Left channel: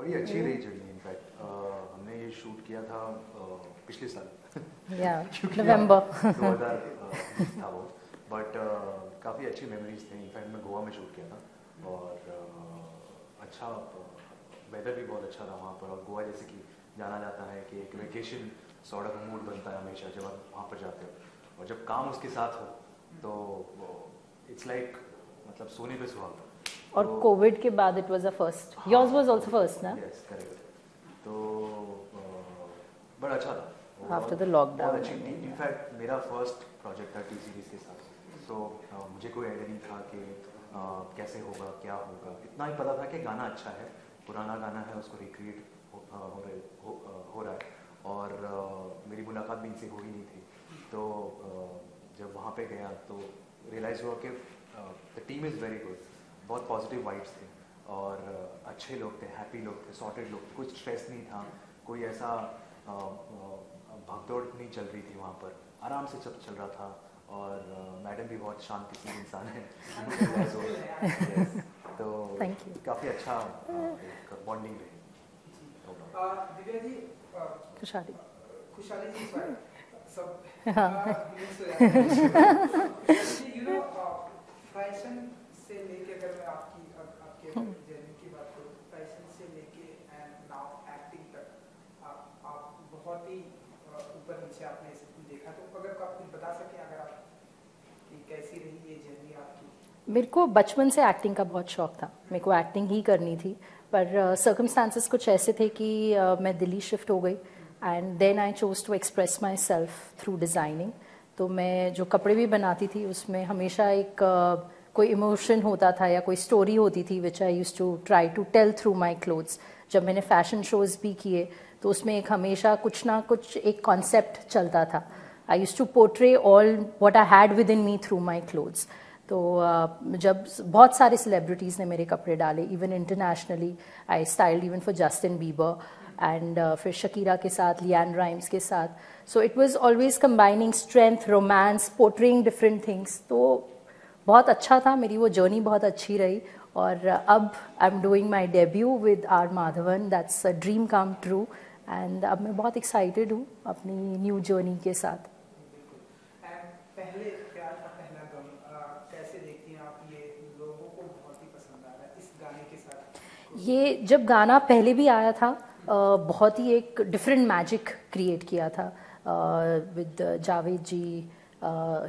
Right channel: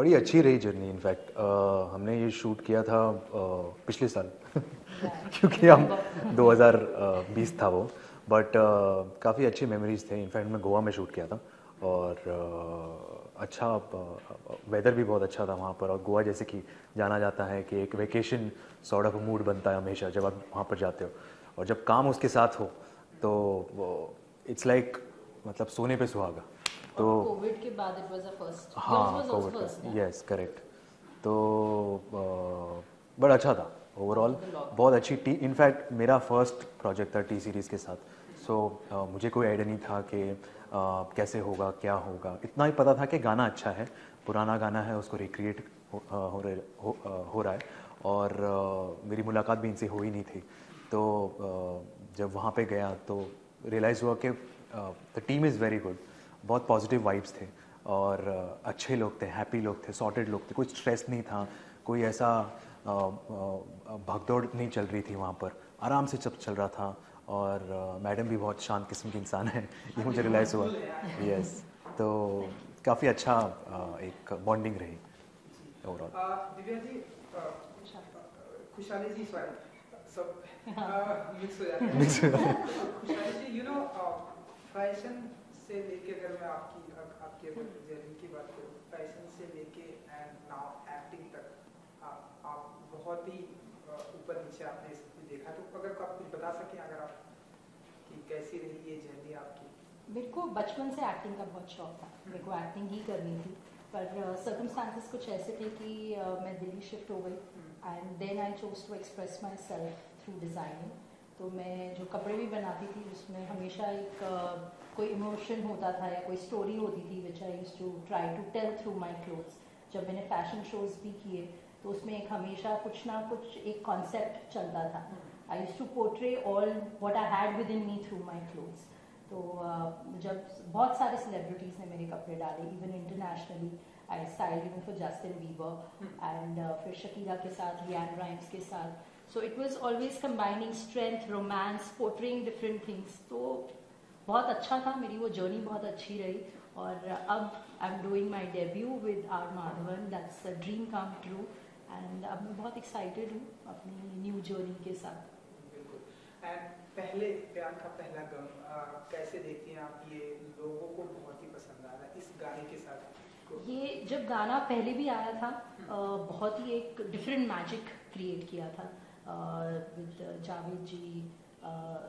बड़ी अच्छी रही जर्नी। इनफैक्ट हमने ये शूट किया था पिछले साल क्योंकि हम 2020 था वो, बट काफ़ी अच्छे मेमोरीज थे। इनफैक्ट मैं गोवा में शूट किया था और अच्छा वेदर भी बहुत अच्छा था वहाँ पर। और गोवा जैसे कि जाना जाता है कि एक वेकेशन सॉर्ट ऑफ मूड बनता है हमेशा जब आप वहाँ पर जाते हो, और जब काम उसके साथ हो तो इट्स लाइक मतलब सोने पे सुहागा। और कोविड के बाद it was a first, yours was also first ना? Yes correct. तो बड़ा अच्छा था ओवरऑल, बहुत अच्छी टी। इनफैक्ट मेरा फर्स्ट प्रोजेक्ट था टी सीरीज़ के साथ, सो मुझे कोई आइडिया नहीं था कि कैसे होगा क्या होगा। इतना ही पता था कि गाना अच्छा है, पुराना गाना है, उसको रिक्रिएट हो रहा है। और मेरी मुलाकात भी इनसे हो ही नहीं थी। तो जब वहाँ पे गया तो रियलाइज़ हुआ कि the team is very good, बहुत पॉजिटिव वाइब्स थे और अच्छे लोग थे, हैप्पी लोग थे, सॉर्टेड लोग थे, कोई स्ट्रेस नहीं था, कोई ऐसा भागदौड़ नहीं चल रही थी वहाँ पर, आराम से सब चल रहा था। और मैडम भी बहुत शांत किस्म के इंसान है, ये मुझे रियलाइज़ हुआ। यस, तो काफ़ी अच्छा एक बॉन्डिंग रही ओवरऑल। दिव्या जी, खुशहाली जी, फैशन से लेके, अगर मैं आपकी जर्नी की बात करूँ, फैशन से लेके एंड नाउ एक्टिंग तक आप बहुत ही ऊपर नीचे आपने सब कुछ देखा। तो अगर आप कुछ बता सकें, अगर आप कि कैसी रही ये जर्नी आपकी? मेरे को बचपन से एक्टिंग का बहुत शौक था, मेरे को एक्टिंग ही करनी थी, पर सर्कमस्टांसेस कुछ ऐसे थे कि मैं दिल्ली शिफ्ट हो गई and then I chose to express myself through designing. तो मैं जो कपड़े भी बनाती थी उसमें हमेशा एक कोई इमोशन होता था या कोई स्टोरी होती थी which I use to try to tell through my clothes. जब मैंने फैशन शोज़ भी किए तो उसमें एक हमेशा कुछ ना कुछ एक कॉन्सेप्ट चलता था। I use to portray all what I had within me through my clothes. तो जब बहुत सारे सेलिब्रिटीज़ ने मेरे कपड़े डाले, even internationally I styled even for Justin Bieber and फिर शकीरा के साथ, लियान राइम्स के साथ। So it was always combining strength, romance, portraying different things. तो बहुत अच्छा था, मेरी वो जर्नी बहुत अच्छी रही। और अब I am doing my debut with R Madhavan, that's a dream come true. And अब मैं बहुत एक्साइटेड हूँ अपनी न्यू जर्नी के साथ। पहले प्यार का पहला गम कैसे देखती हैं आप? ये लोगों को बहुत ही पसंद आ रहा है इस गाने के साथ। ये जब गाना पहले भी आया था बहुत ही एक डिफरेंट मैजिक क्रिएट किया था with Javed ji,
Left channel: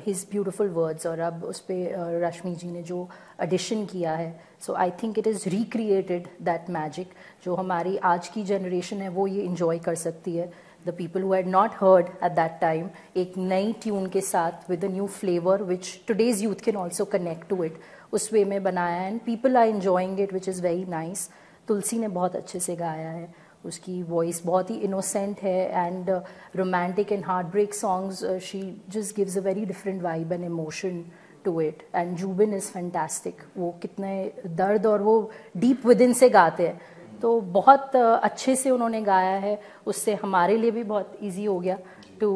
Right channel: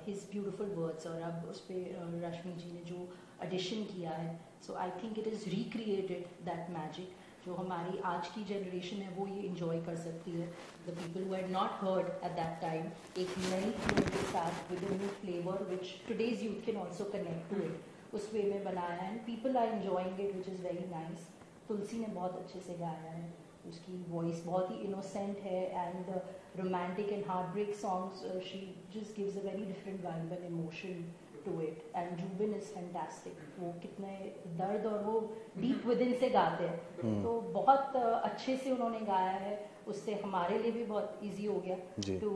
his beautiful words, और अब उस पर रश्मि जी ने जो एडिशन किया है, so I think it is recreated that magic. जो हमारी आज की जनरेशन है वो ये इंजॉय कर सकती है। The people who had not heard at that time, एक नई ट्यून के साथ with a new flavour which today's youth can also connect to it, उस वे में बनाया है and people are enjoying it which is very nice. Tulsi ने बहुत अच्छे से गाया है, उसकी वॉइस बहुत ही इनोसेंट है and romantic and heartbreak songs she just gives a very different vibe and emotion to it. And Zubin is fantastic, वो कितने दर्द और वो डीप विद इन से गाते हैं, तो बहुत अच्छे से उन्होंने गाया है। उससे हमारे लिए भी बहुत ईजी हो गया to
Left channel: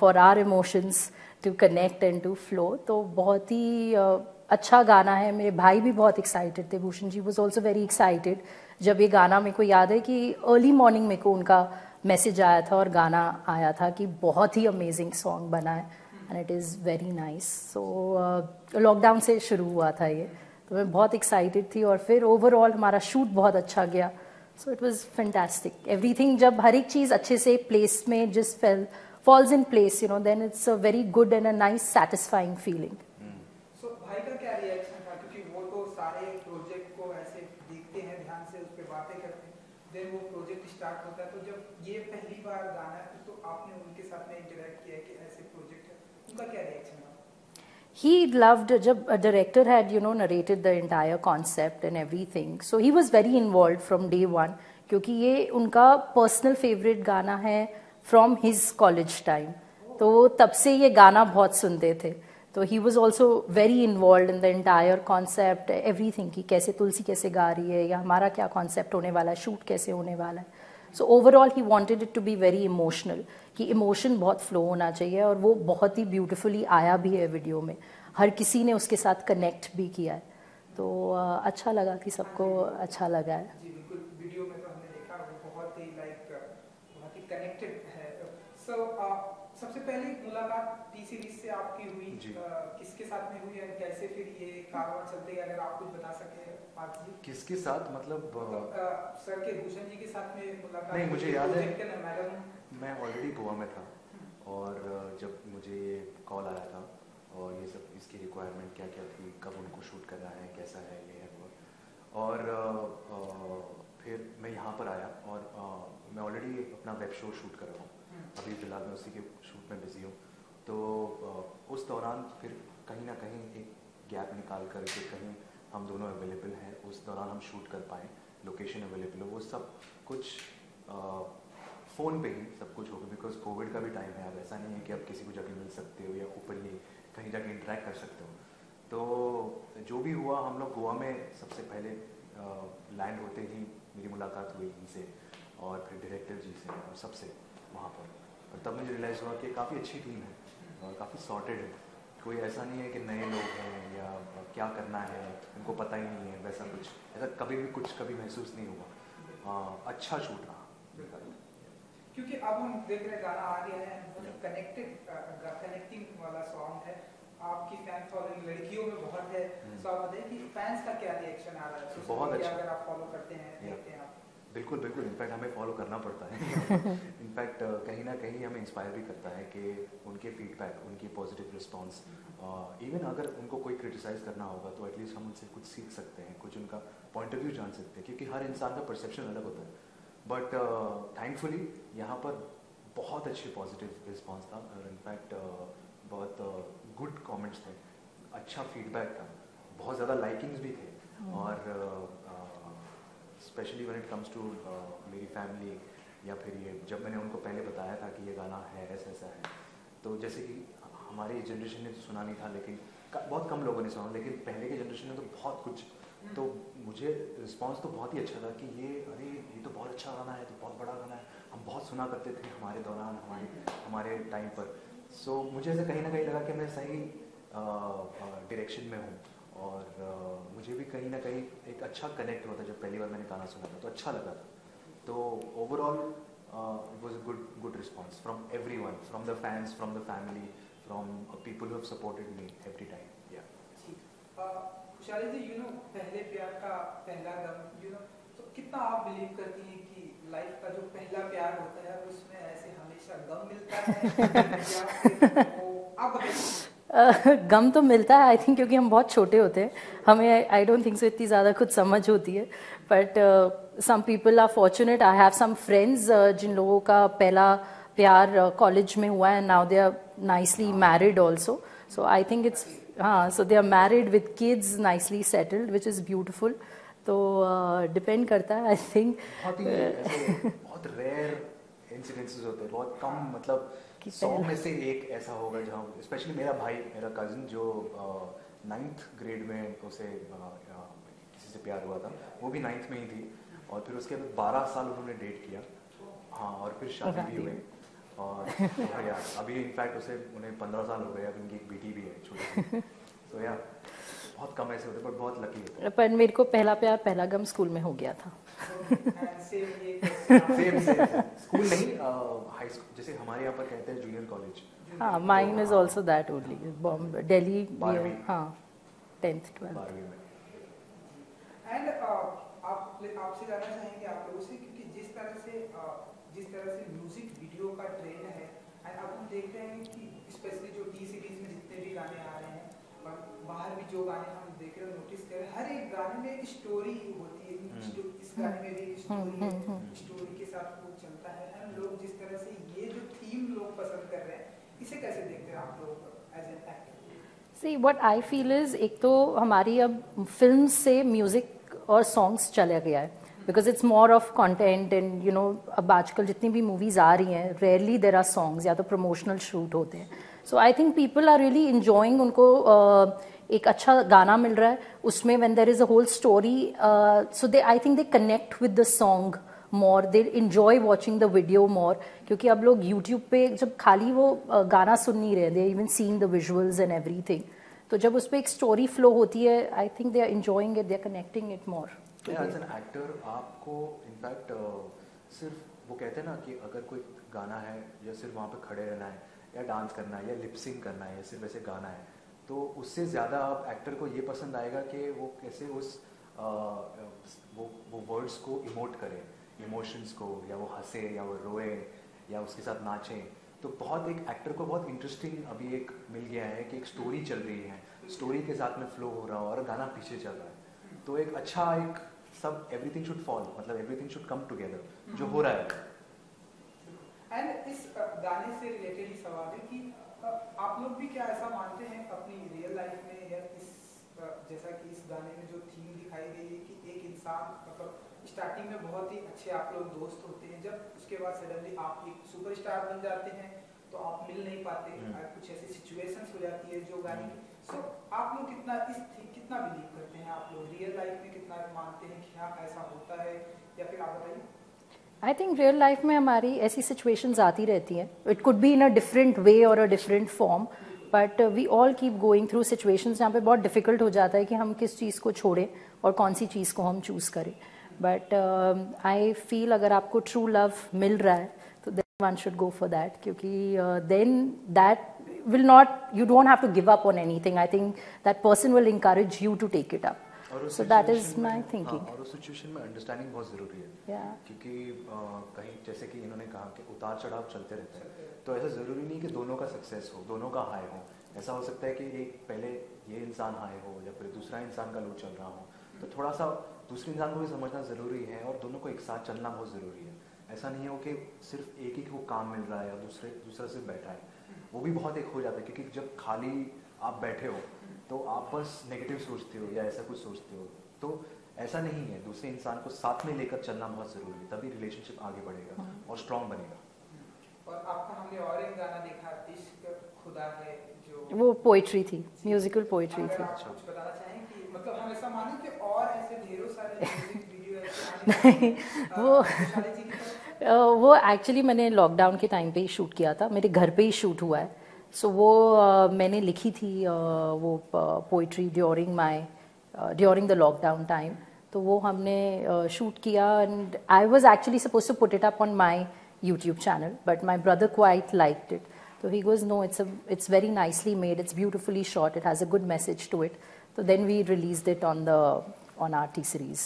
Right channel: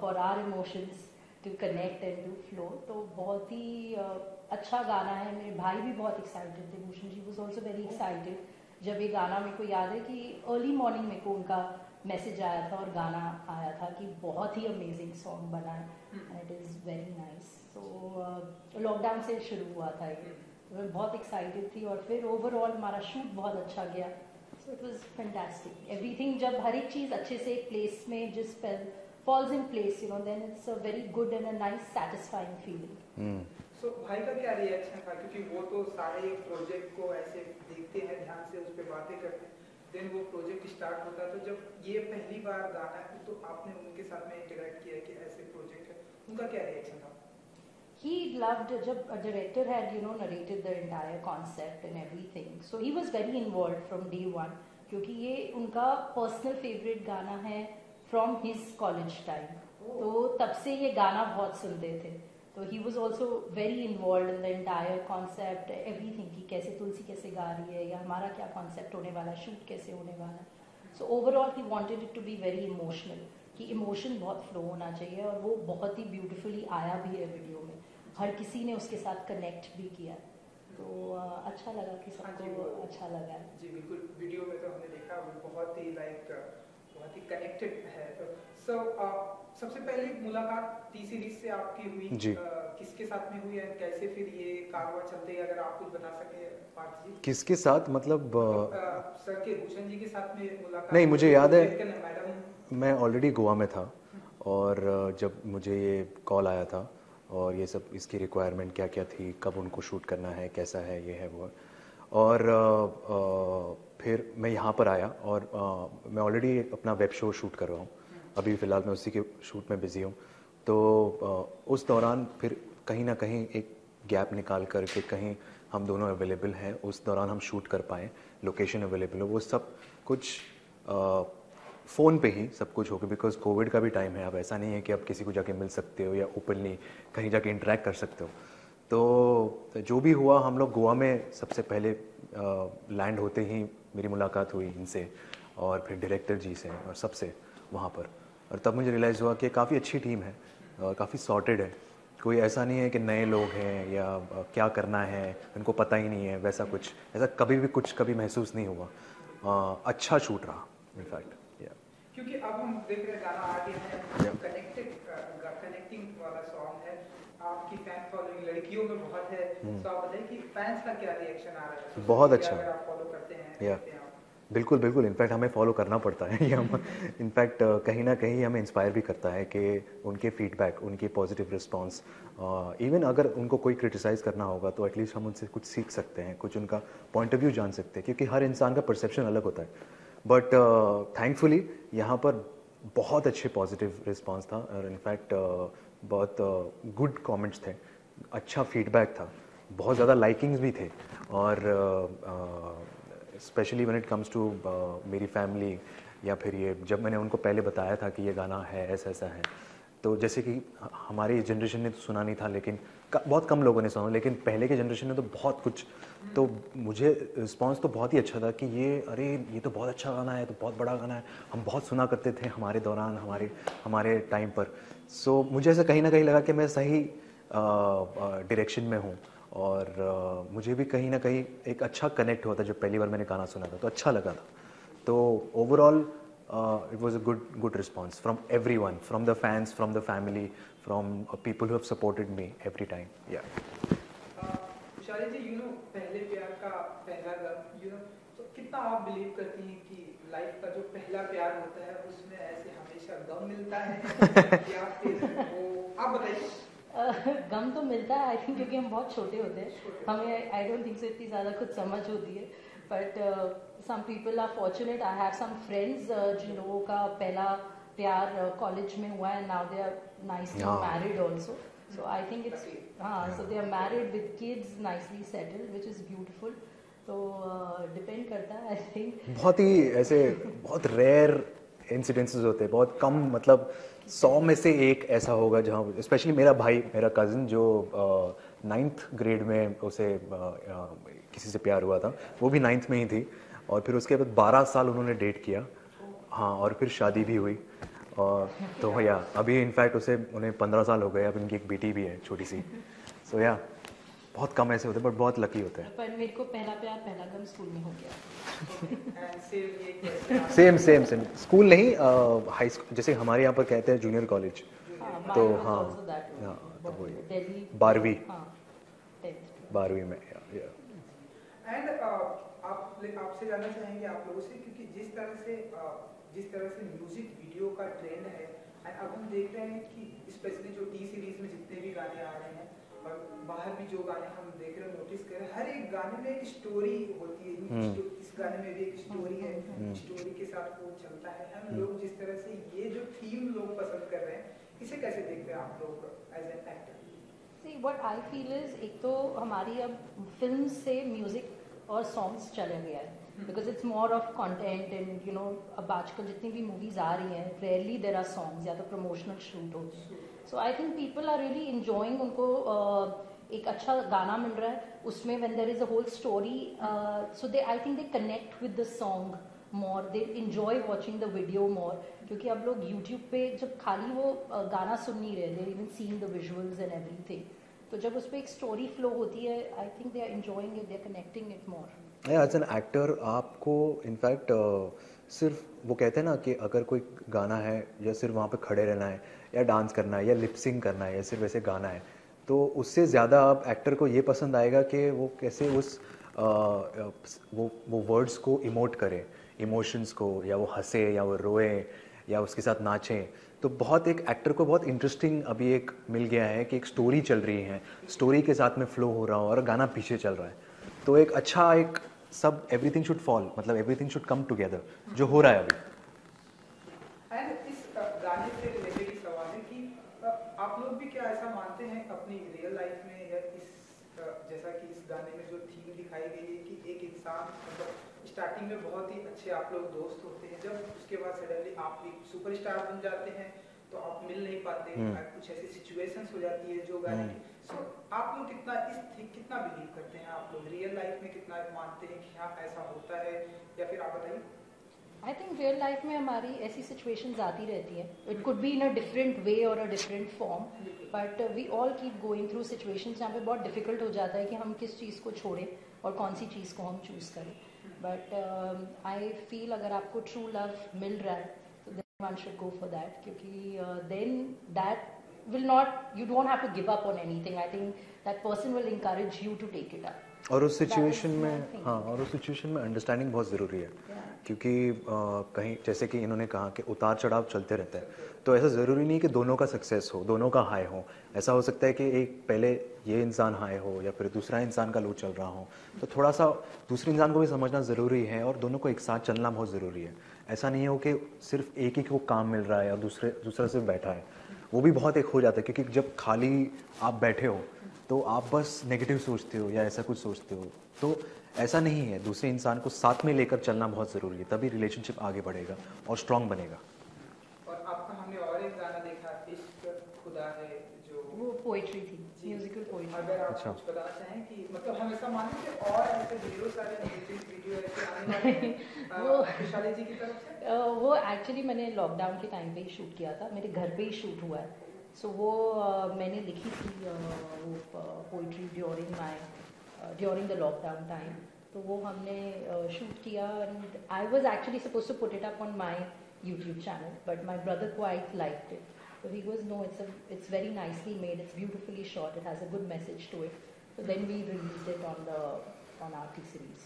for our emotions to connect and to flow. तो बहुत ही अच्छा गाना है। मेरे भाई भी बहुत एक्साइटेड थे, Bhushan ji was also very excited जब ये गाना, मेरे को याद है कि अर्ली मॉर्निंग मेरे को उनका मैसेज आया था और गाना आया था कि बहुत ही अमेजिंग सॉन्ग बना है and it is very nice. So lockdown से शुरू हुआ था ये, तो मैं बहुत एक्साइटेड थी और फिर ओवरऑल हमारा शूट बहुत अच्छा गया। सो इट वाज फैंटास्टिक एवरीथिंग। जब हर एक चीज़ अच्छे से प्लेस में जिस falls in place, you know, then it's a very good and a nice satisfying feeling. So भाई का क्या रिएक्शन था? क्योंकि वो तो सारे प्रोजेक्ट को ऐसे देखते हैं, ध्यान से उस पर बातें करते हैं, देन वो प्रोजेक्ट स्टार्ट होता है। तो जब ये पहली बार गाना है तो आपने उनके साथ में इंटरेक्ट किया कि ऐसे प्रोजेक्ट है, उनका क्या रिएक्शन था? He loved, जब a director had, you know, narrated the entire concept and everything, so he was very involved from day one, क्योंकि ये उनका personal favorite गाना है from his college time, तो तब से ये गाना बहुत सुनते थे। तो he was also very involved in the entire concept, everything, कि कैसे तुलसी कैसे गा रही है या हमारा क्या concept होने वाला है, shoot कैसे होने वाला है। So overall he wanted it to be very emotional, कि इमोशन बहुत फ्लो होना चाहिए, और वो बहुत ही ब्यूटीफुली आया भी है वीडियो में, हर किसी ने उसके साथ कनेक्ट भी किया है। तो अच्छा लगा कि सबको अच्छा लगा है। जी बिल्कुल, वीडियो में तो हमने कनेक्टेड है। सो सबसे पहली मुलाकात टी सीरीज से आपकी हुई, किसके साथ में हुई और कैसे फिर ये कारवां चलते हैं, अगर आप कुछ बता सके पार्थ जी। किसके साथ मतलब सर के भूषण जी के साथ में मुलाकात? नहीं, मुझे याद है मैं ऑलरेडी गोवा में था और जब मुझे ये कॉल आया था और ये सब इसकी रिक्वायरमेंट क्या क्या थी, कब उनको शूट करना है, कैसा है, ये है वो, और फिर मैं यहाँ पर आया और मैं ऑलरेडी अपना वेब शो शूट कर रहा हूँ, अभी फ़िलहाल मैं उसी के शूट में बिज़ी हूँ। तो उस दौरान फिर कहीं ना कहीं एक गैप निकाल कर के कहीं हम दोनों अवेलेबल हैं, उस दौरान हम शूट कर पाएँ, लोकेशन अवेलेबल हो, वो सब कुछ फ़ोन पे ही सब कुछ हो गया, बिकॉज कोविड का भी टाइम है। अब ऐसा नहीं है कि आप किसी को जाके मिल सकते हो या ओपनली कहीं जाके इंटरेक्ट कर सकते हो। तो जो भी हुआ, हम लोग गोवा में सबसे पहले लैंड होते ही मेरी मुलाकात हुई इनसे और फिर डायरेक्टर जी से और सबसे वहाँ पर, और तब मुझे रियलाइज़ हुआ कि काफ़ी अच्छी टीम है और काफ़ी सॉर्टेड है। कोई ऐसा नहीं है कि नए लोग हैं या क्या करना है उनको पता ही नहीं है, वैसा कुछ ऐसा कभी महसूस नहीं हुआ। अच्छा शूट रहा इनफैक्ट। क्योंकि अब हम देख रहे हैं गाना आ गया है, कनेक्टिंग वाला सॉन्ग है, आपकी फैन फॉलोइंग लड़कियों में बहुत है। तो आप बताइए कि फैंस का क्या रिएक्शन आ रहा है? बहुत अच्छा, अगर आप फॉलो करते हैं। बिल्कुल बिल्कुल, इनफैक्ट हमें फॉलो करना पड़ता है इनफैक्ट कहीं ना कहीं हमें इंस्पायर भी करता है कि उनके फीडबैक, उनके पॉजिटिव रिस्पांस, इवन अगर उनको कोई क्रिटिसाइज़ करना होगा तो एटलीस्ट हम उनसे कुछ सीख सकते हैं, कुछ उनका पॉइंट ऑफ व्यू जान सकते हैं, क्योंकि हर इंसान का परसेप्शन अलग होता है। बट थैंकफुली यहाँ पर बहुत अच्छे पॉजिटिव रिस्पांस था और इनफैक्ट बहुत गुड कमेंट्स थे, अच्छा फीडबैक था, बहुत ज़्यादा लाइकिंग्स भी थे, और specially when it comes to मेरी फैमिली, या फिर ये जब मैंने उनको पहले बताया था कि ये गाना है, ऐसा ऐसा है, तो जैसे कि हमारी जनरेशन ने तो सुना नहीं था, लेकिन बहुत कम लोगों ने सुना, लेकिन पहले के जनरेशन ने तो बहुत कुछ, तो मुझे रिस्पांस तो बहुत ही अच्छा था कि ये तो बहुत अच्छा गाना है, तो बहुत बड़ा गाना है, हम बहुत सुना करते थे हमारे दौरान, हमारे टाइम पर। सो मुझे ऐसा कहीं ना कहीं लगा कि मैं सही डायरेक्शन में हूँ, और मुझे भी कहीं ना कहीं एक अच्छा कनेक्ट हुआ था जब पहली बार मैंने गाना सुना था, तो अच्छा लगा था। तो overall it was a good response from everyone, from the fans, from the family, from people who have supported me every time. Shalini ji, पहले प्यार का पहला गम, तो कितना आप बिलीव करती हैं कि लाइफ का जो पहला प्यार होता है उसमें ऐसे हमेशा गम मिलता है या फिर वो आप बताइए? गम तो मिलता है, आई थिंक, क्योंकि हम बहुत छोटे होते हैं, हमें आई डोंट थिंक सो इतनी ज़्यादा कुछ समझ होती है, but some people are fortunate. I have some friends जिन लोगों का पहला प्यार कॉलेज में हुआ है, now they are nicely married also, so I think it's, हाँ, so they are married with kids, nicely settled, which is beautiful. तो डिपेंड करता है, आई थिंक बहुत ही ऐसे बहुत रेयर इंसिडेंसेस होते हैं, बहुत कम, मतलब 100 में से एक ऐसा होगा जहाँ, स्पेशली मेरा भाई, मेरा कज़न जो 9th ग्रेड में उसे किसी से प्यार हुआ था, वो भी 9th में ही थी, और फिर उसके बाद 12 साल उन्होंने डेट किया, हाँ, और फिर शादी भी हुई, और तो भैया अभी इनफैक्ट उन्हें 15 साल हो गए, अब उनकी एक बेटी भी है छोटी सी। सो या बहुत कम ऐसे होते हैं, बट बहुत लकी होते हैं। पर मेरे को पहला प्यार, पहला गम स्कूल में हो गया था। सेम स्कूल नहीं, हाई स्कूल, जैसे हमारे यहाँ पर कहते हैं जूनियर कॉलेज। हाँ, mine is also that only, Bombay, Delhi, 12वीं, हाँ, 10th 12th 12वीं में। एंड आपसे जानना चाहेंगे आप लोगों से, क्योंकि जिस तरह से म्यूजिक वीडियो का ट्रेंड है, एंड अब हम देख रहे हैं कि स्पेशली जो टी सीरीज में जितने भी गाने आ रहे हैं और बाहर भी जो गाने हम देख रहे हैं, नोटिस कर रहे हैं, हर एक गाने में एक स्टोरी होती है, इस गाने में भी एक स्टोरी है, स्टोरी के साथ वो चलता है। हम लोग जिस तरह से ये जो थीम लोग पसंद कर रहे हैं, इसे कैसे देखते हैं आप लोग as an actor? See, what I feel is, एक तो हमारी अब फिल्म से म्यूजिक और सॉन्ग्स चला गया है, because it's more of content, and अब आजकल जितनी भी मूवीज आ रही हैं, रेयरली देर आर सॉन्ग्स, या तो प्रमोशनल शूट होते हैं। So I think people are really enjoying, उनको एक अच्छा गाना मिल रहा है, उसमें when there is a whole story, so they, I think they connect with the song more, they enjoy watching the video more, क्योंकि अब लोग यूट्यूब पे जब खाली वो गाना सुन नहीं रहे, they even seeing the visuals and everything, तो जब उस पर एक स्टोरी फ्लो होती है, I think they are enjoying it, they are connecting it more. As an actor आपको इनफैक्ट सिर्फ वो कहते हैं ना कि अगर कोई गाना है या सिर्फ वहाँ पे खड़े रहना है या डांस करना है या लिपसिंग करना है या सिर्फ ऐसे गाना है, तो उससे ज़्यादा आप एक्टर को ये पसंद आएगा कि वो कैसे उस वो वर्ड्स को इमोट करे, इमोशंस को, या वो हंसे या वो रोए या उसके साथ नाचें। तो बहुत एक एक्टर को बहुत इंटरेस्टिंग अभी एक मिल गया है कि एक स्टोरी चल रही है, स्टोरी के साथ में फ्लो हो रहा हूँ और गाना पीछे चल रहा है, तो एक अच्छा एक सब एवरीथिंग शुड फॉल, मतलब एवरीथिंग शुड कम टुगेदर, जो हो रहा है अभी। एंड इस गाने से रिलेटेड ही सवाल है कि आप लोग भी क्या ऐसा मानते हैं अपनी रियल लाइफ में, या इस जैसा कि इस गाने में जो थीम दिखाई गई है कि एक इंसान मतलब स्टार्टिंग में बहुत ही अच्छे आप लोग दोस्त होते हैं, जब उसके बाद सडनली आप एक सुपरस्टार बन जाते हैं तो आप मिल नहीं पाते, कुछ ऐसी सिचुएशंस हो जाती है जो गाने की। सो आप लोग कितना बिलीव करते हैं, आप लोग रियल लाइफ में कितना मानते हैं कि हाँ ऐसा होता है, या फिर आप बताइए। आई थिंक रियल लाइफ में हमारी ऐसी सिचुएशंस आती रहती हैं, it could be in a different way और a different form, but we all keep going through situations जहाँ पे बहुत डिफिकल्ट हो जाता है कि हम किस चीज़ को छोड़ें और कौन सी चीज़ को हम चूज़ करें। बट आई फील अगर आपको ट्रू लव मिल रहा है तो then one should go for that, क्योंकि then that will not, you don't have to give up on anything. I think that person will encourage you to take it up. और उस situation में हाँ, और उस सिचुएशन में understanding बहुत ज़रूरी है, क्योंकि कहीं जैसे कि इन्होंने कहा कि उतार चढ़ाव चलते रहते हैं, तो ऐसा ज़रूरी नहीं कि दोनों का सक्सेस हो, दोनों का हाई हो। ऐसा हो सकता है कि एक पहले ये इंसान हाई हो या फिर दूसरा इंसान का लो चल रहा हो, तो थोड़ा सा दूसरे इंसान को भी समझना ज़रूरी है और दोनों को एक साथ चलना बहुत ज़रूरी है। ऐसा नहीं हो कि सिर्फ एक ही को काम मिल रहा है या दूसरा सिर्फ बैठा है, वो भी बहुत एक हो जाता है, क्योंकि जब खाली आप बैठे हो तो आप बस नेगेटिव सोचते हो या ऐसा कुछ सोचते हो, तो ऐसा नहीं है। दूसरे इंसान को साथ में लेकर चलना बहुत ज़रूरी है, तभी रिलेशनशिप आगे बढ़ेगा और स्ट्रॉन्ग बनेगा। और आपका हमने और एक गाना देखा, इश्क खुदा है, जो वो पोइट्री थी, म्यूजिकल पोइट्री थी। अगर आप कुछ बताना चाहें कि मतलब हम ऐसा माने कि और ऐसे ढेरों सारे म्यूजिक वीडियो ऐसे आने वो एक्चुअली मैंने लॉकडाउन के टाइम पे ही शूट किया था, मेरे घर पे ही शूट हुआ है। सो वो मैंने लिखी थी वो poetry during the lockdown time, तो वो हमने शूट किया and I was actually suppose to put it up on my YouTube channel, but my brother quite liked it, so he goes, no, it's very nicely made, it's beautifully shot, it has a good message to it, so then we released it on our T-Series.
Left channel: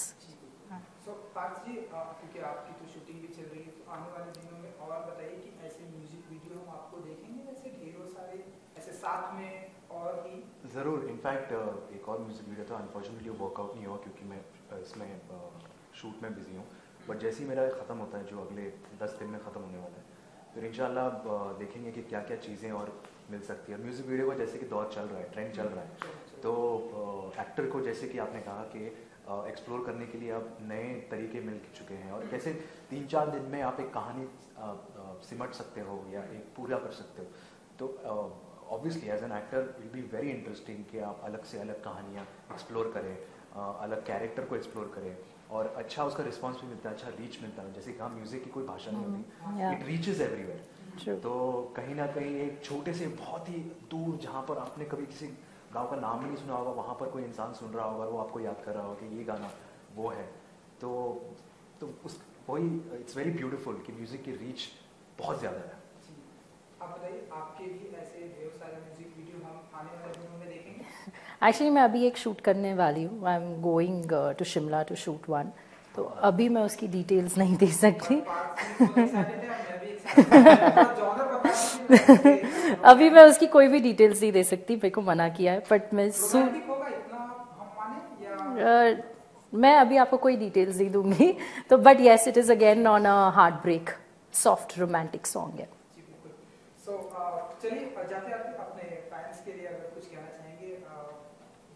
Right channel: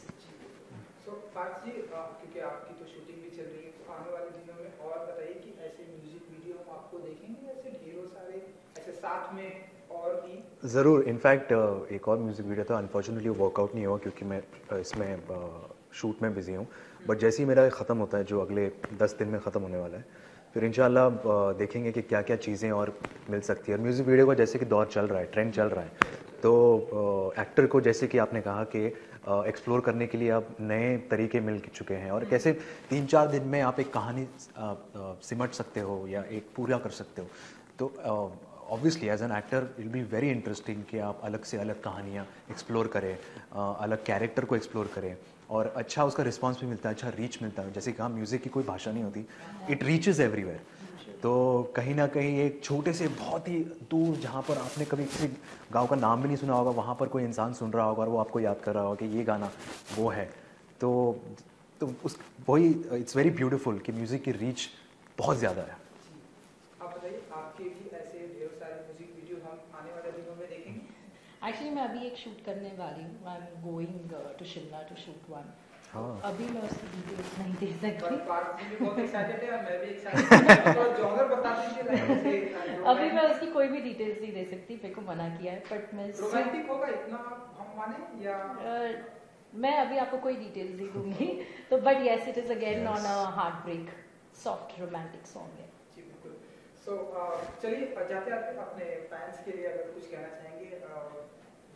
So Parth ji, क्योंकि आपकी तो shooting भी चल रही है, तो आने वाले दिनों में और बताइए कि ऐसे म्यूजिक वीडियो हम आपको देखेंगे, ऐसे ढेरों सारे ऐसे साथ में और भी? ज़रूर। इनफैक्ट एक और म्यूज़िक वीडियो था, अनफॉर्चुनेटली वर्कआउट नहीं हुआ क्योंकि मैं इसमें शूट में बिजी हूँ, बट जैसे ही मेरा ख़त्म होता है, जो अगले 10 दिन में ख़त्म होने वाला है, फिर इंशाल्लाह देखेंगे कि क्या क्या चीज़ें और मिल सकती है। और म्यूज़िक वीडियो का जैसे कि दौर चल रहा है, ट्रेंड चल रहा है, तो एक्टर को जैसे कि आपने कहा कि एक्सप्लोर करने के लिए अब नए तरीके मिल चुके हैं, और कैसे 3-4 दिन में आप एक कहानी सिमट सकते हो या एक पूरा कर सकते हो। तो obviously as an actor it will be very interesting कि आप अलग से अलग कहानियाँ एक्सप्लोर करें, अलग कैरेक्टर को एक्सप्लोर करें, और अच्छा उसका रिस्पांस भी मिलता है, अच्छा रीच मिलता है। जैसे कहा, म्यूज़िक की कोई भाषा नहीं होती, इट रीचेस एवरीवेयर। तो कहीं ना कहीं एक छोटे से बहुत ही दूर, जहाँ पर आपने कभी किसी गांव का नाम भी नहीं सुना होगा, वहाँ पर कोई इंसान सुन रहा होगा और वो आपको याद कर रहा होगा कि ये गाना वो है। तो उस वही इट्स वेरी ब्यूटीफुल कि म्यूज़िक की रीच बहुत ज़्यादा है। आप बताइए, आपके भी ऐसे ढेर सारे म्यूजिक वीडियो हम आने वाले दिनों में देखेंगे? एक्चुअली मैं अभी एक शूट करने वाली हूँ, I am going to Shimla to shoot one, तो अभी मैं उसकी डिटेल्स नहीं दे सकती। अभी मैं उसकी कोई भी डिटेल्स नहीं दे सकती, मेरे को मना किया है, बट मैं अभी आपको कोई डिटेल्स नहीं दूंगी। तो but yes, it is again on a heartbreak soft romantic song है। सो चलिए जाते आते अपने फैंस के लिए अगर कुछ कहना चाहेंगे,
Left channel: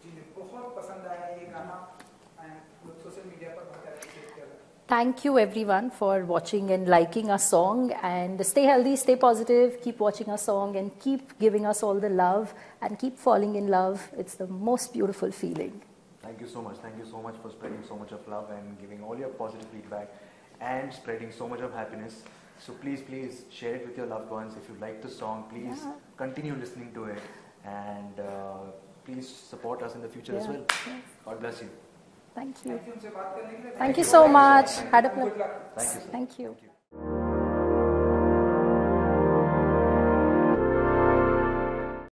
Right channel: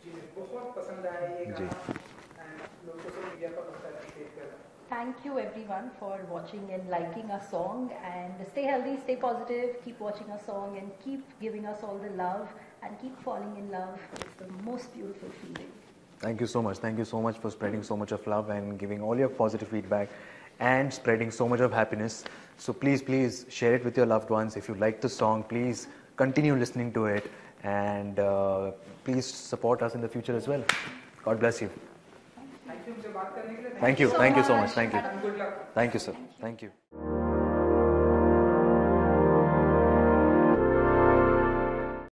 जी बहुत पसंद आया ये गाना, लोग सोशल मीडिया पर बहुत एप्रिशिएट कर रहे हैं। Thank you everyone for watching and liking our song, and stay healthy, stay positive, keep watching our song and keep giving us all the love and keep falling in love. It's the most beautiful feeling. Thank you so much. Thank you so much for spreading so much of love and giving all your positive feedback and spreading so much of happiness. So please share it with your loved ones. If you like the song, please continue listening to it, and please support us in the future as well. God bless you. Thank you. हमसे बात करने के लिए Thank you so much. Thank you. Had a pleasure. Good luck. Thank you, sir. Thank you. Thank you.